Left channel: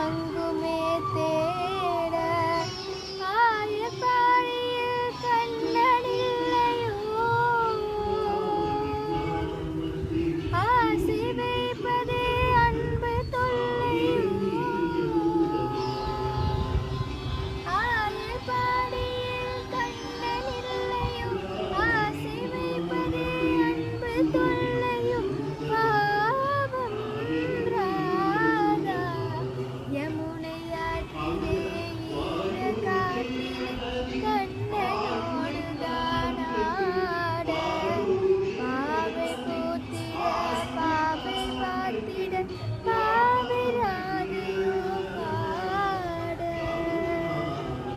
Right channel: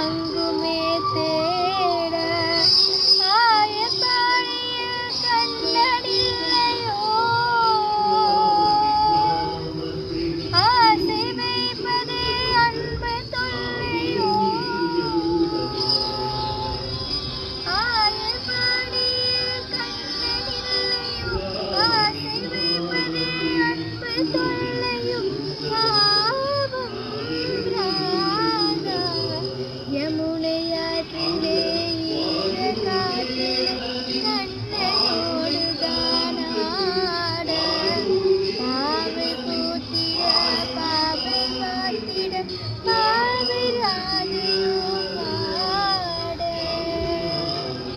அங்குமே தேட ஆயப்பாடியில் கண்ணனில்லையோ ஆசை வைப்பதே அன்பு தொல்லையோ ஆயப்பாடியில் கண்ணனில்லையோ ஆசை வைப்பதே அன்பு தொல்லையோ பாவம் ராதா யமுனையாற்றிலே ஈர காற்றிலே கண்ணனோடு தானாட பாவை பூத்திட பாவை பார்த்திட